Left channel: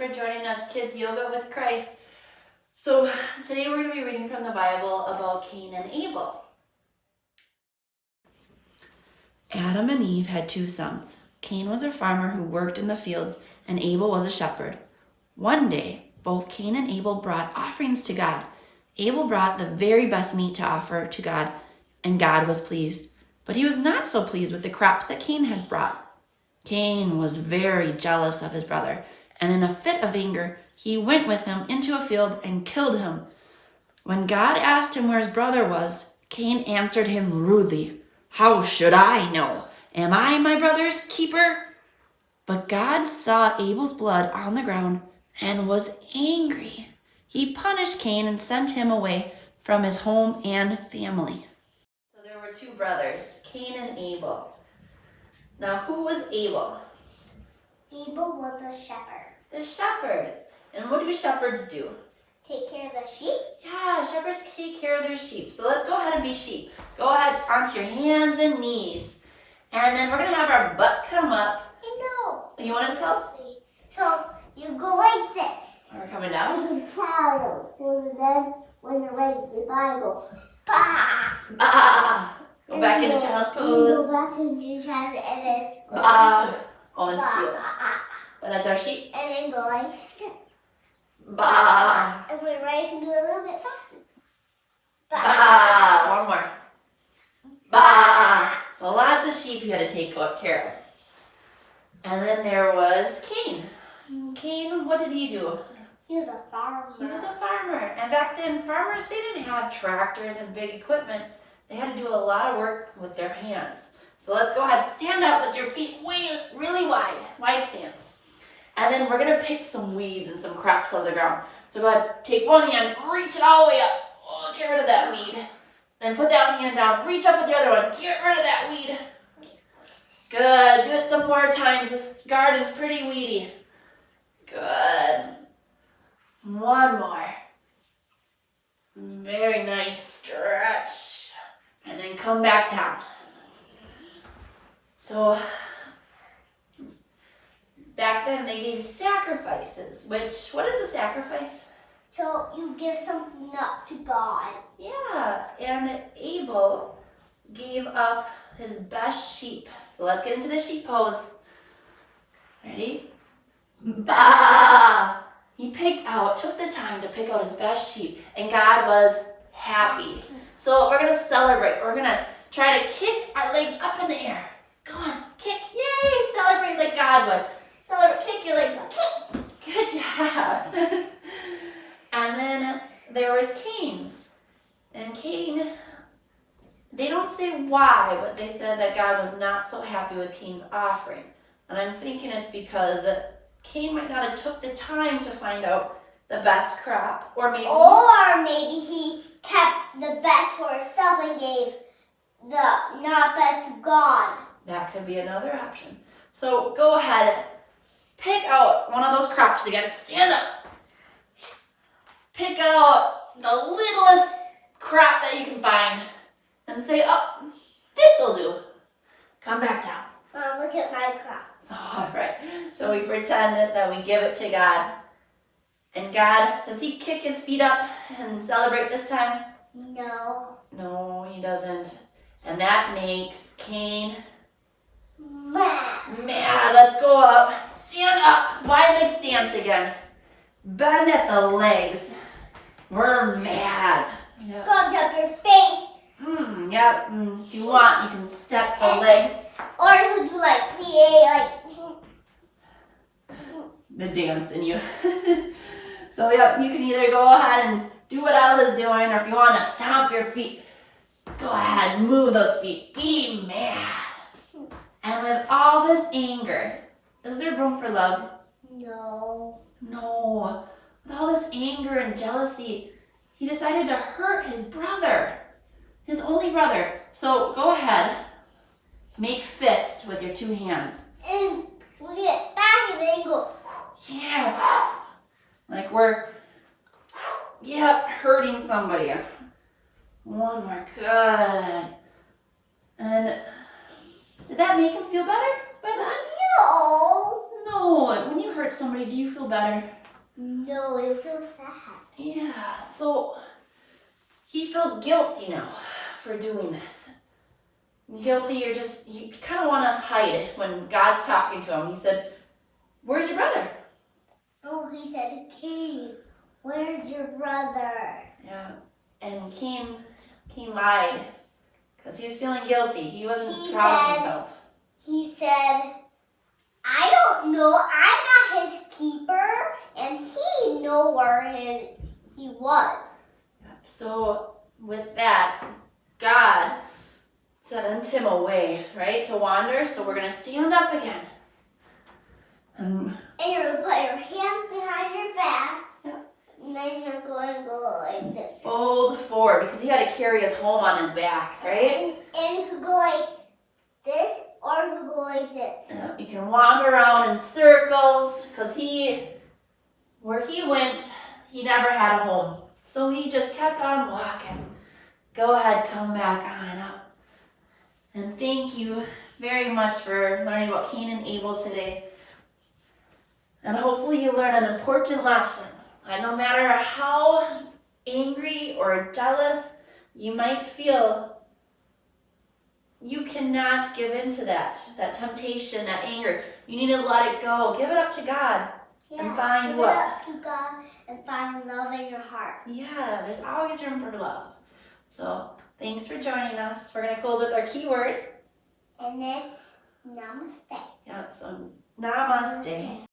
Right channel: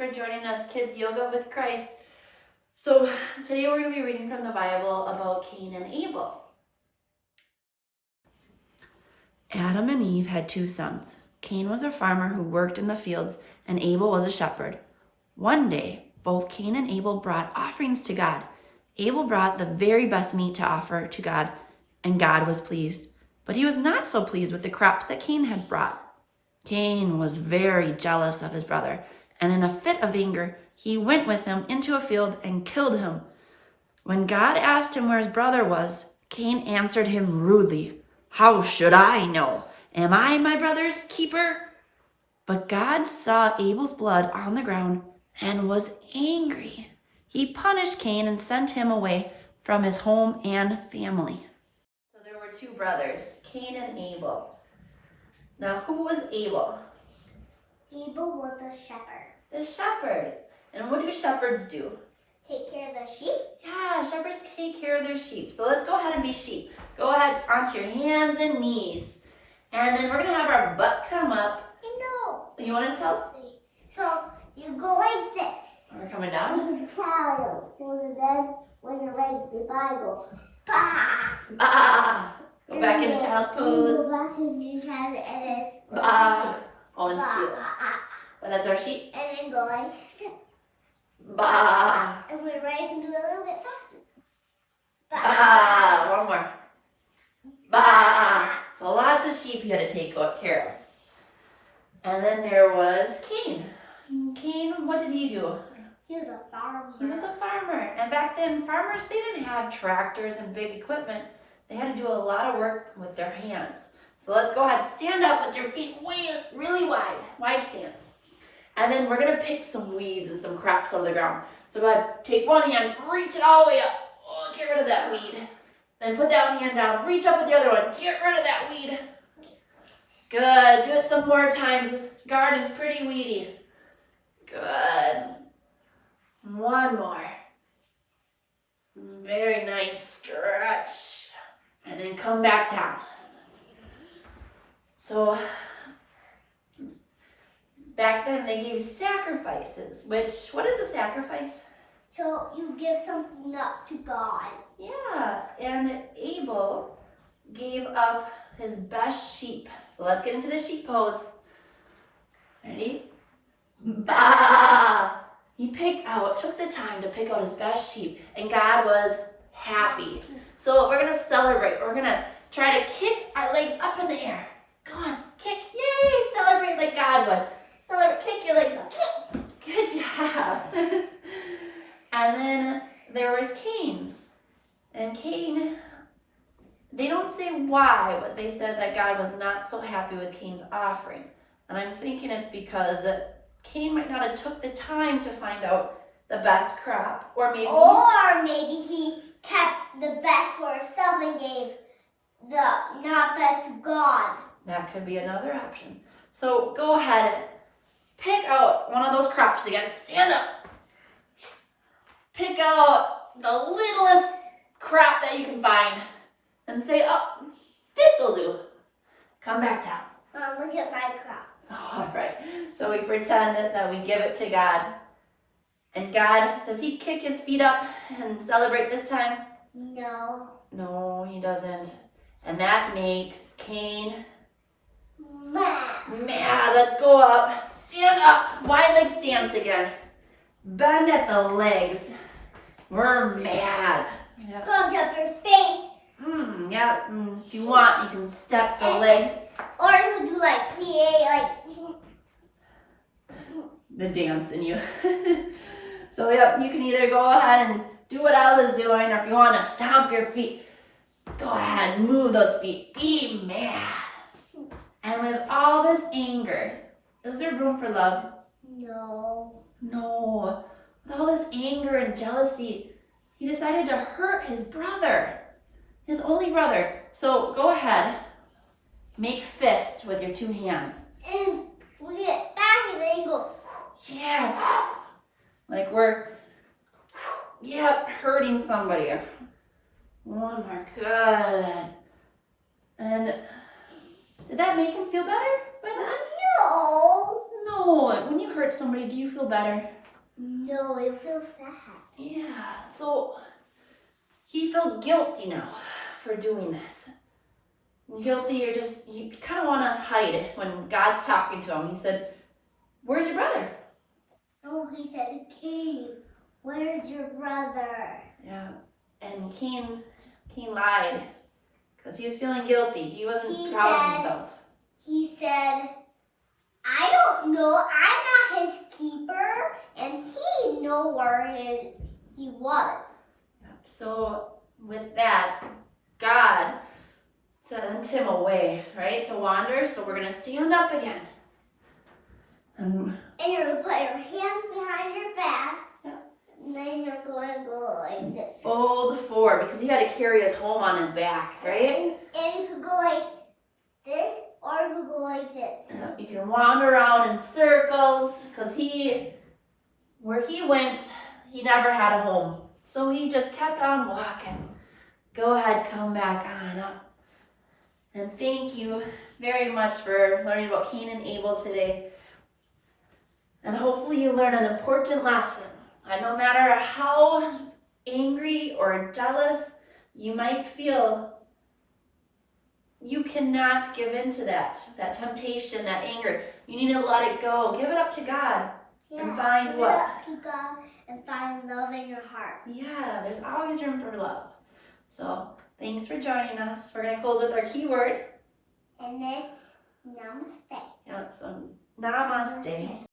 for joining us, Kids Yoga with Christ. So today we're going to be reading from the Bible about Cain and Abel. Adam and Eve had two sons. Cain was a farmer who worked in the fields, and Abel was a shepherd. One day, both Cain and Abel brought offerings to God. Abel brought the very best meat to offer to God, and God was pleased. But he was not so pleased with the crops that Cain had brought. Cain was very jealous of his brother, and in a fit of anger, he went with him into a field and killed him. When God asked him where his brother was, Cain answered him rudely, "How should I know? Am I my brother's keeper?" But God saw Abel's blood on the ground and was angry. He punished Cain and sent him away from his home and family. So there were two brothers, Cain and Abel. Now, who was Abel? Abel was the shepherd. The shepherd. And what do shepherds do? Take care of the sheep. Yeah, shepherds take care of their sheep. So let's go ahead and be sheep. Go ahead onto your hands and knees. And then we're going to have our butt come up. I know. You want to tell? So you go like this. We're coming down. You can tell. And then when you're ready to Bible, bah! Bah! Go back into child's pose. Go back into child and then Bah! Oh, and bah, steal. Well, that's our sheep. and then go like this. Bah! And when you're ready, you can do it a little bit faster. Bah! One more. Bah! So lots of sheep you had to take care of. And then there was Cain. Cain, what did he do? He was a farmer. He was a farmer. And back then, farmers, they didn't have tractors and big equipment. They had to do a lot of work with their hands. So let's go ahead, stand up with your feet really wide stance. And then we're going to pick some weeds and some crops out of the ground. So go ahead, take one hand, reach it all the way up. Oh, get rid of that weed. Then put that hand down, reach up with the other one, get rid of that weed. Good, do it some more times. This garden's pretty weedy. Good. One more. Very nice stretch. And then come back down. So, back then they gave sacrifices, what is a sacrifice? So you give something up to God. Yeah, and Abel gave up his best sheep. So let's get into the sheep pose. Ready? Bah! He took the time to pick out his best sheep, and God was happy. So we're going to celebrate. We're going to try to kick our legs up in the air. Go on, kick. Yay! Celebrate like God would. Celebrate, kick your legs up. Good job. And then there was Cain's. And Cain, they don't say why, but they said that God was not so happy with Cain's offering. And I'm thinking it's because Cain might not have took the time to find out the best crop, or maybe he kept the best for himself and gave the not best to God. That could be another option. So go ahead, pick out one of those crops again. Stand up. Pick out the littlest crop that you can find and say, "Oh, this'll do." Come back down. Look at my crop. All right. So we pretend that we give it to God. And God, does he kick his feet up and celebrate this time? No. No, he doesn't. And that makes Cain Mad. mad. Let's go up. Stand up. Wide leg stance again. Bend at the legs. We're mad. Yep. Scrunch up your face. Yep. If you want, you can step the legs. Or you do like plie, like. The dance in you. So yep, you can either go ahead and do what I was doing, or if you want to stomp your feet, go ahead and move those feet. Be mad. And with all this anger, is there room for love? No. No. With all this anger and jealousy, he decided to hurt his brother, his only brother. So go ahead, make fist with your two hands. And we get back and then go. Yeah. Like we're, hurting somebody. One more. Good. And did that make him feel better by then? No. No. When you hurt hurt somebody, do you feel better? No, you feel sad. Yeah, so he felt guilty now for doing this. Guilty, you kind of want to hide it when God's talking to him. He said, "Where's your brother?" Oh, he said, Cain, where's your brother? Yeah, and Cain lied because he was feeling guilty. He wasn't proud of himself. He said, I don't know. I'm not his keeper, and he know where he was. So with that, God sent him away, right, to wander. So we're gonna stand up again. And you're going to put your hands behind your back. Yeah. And then you're going to go like this. Fold forward because he had to carry his home on his back, right? And you could go like this or you could go like this. Yeah, you can wander around in circles because where he went, he never had a home. So he just kept on walking. Go ahead, come back on up. And thank you very much for learning about Cain and Abel today. And hopefully you learn an important lesson. And no matter how angry or jealous you might feel, you cannot give in to that temptation, that anger. You need to let it go. Give it up to God. Yeah, and find what? Give it up to God and find love in your heart. Yeah, there's always room for love. So thanks for joining us. We're going to close with our keyword. And it's namaste. Yeah, so namaste.